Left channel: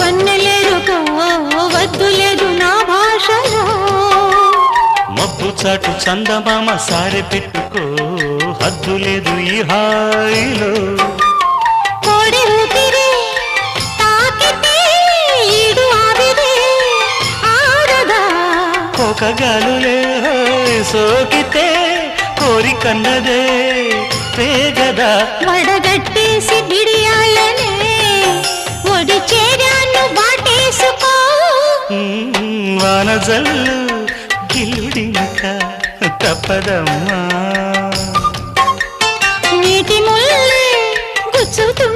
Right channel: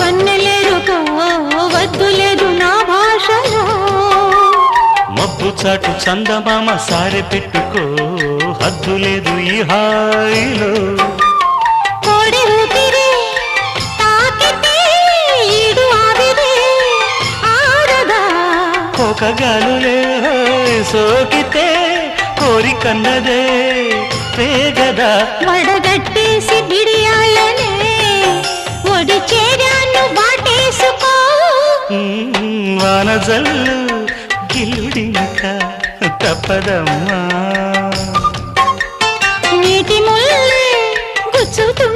వన్నెలేరుకో వద్దు లేదు నా భాషలో మబ్బు చాటు చందమామ సారె పెట్టుకో హద్దు లేదు ఈ హాయిలో కోడి ఊపిరి తాకితే ఈడు ఆవిరి ఆరదా కోకగాలులే సోకితే కోరికన్నదే పేగదా వడగట్టేసి బిడియాలనే ఒడి చేరాను వాటేసుకో వానజల్లు గిల్లుడింక తప్పదమ్మా నీటి ముల్లే గుచ్చుతూ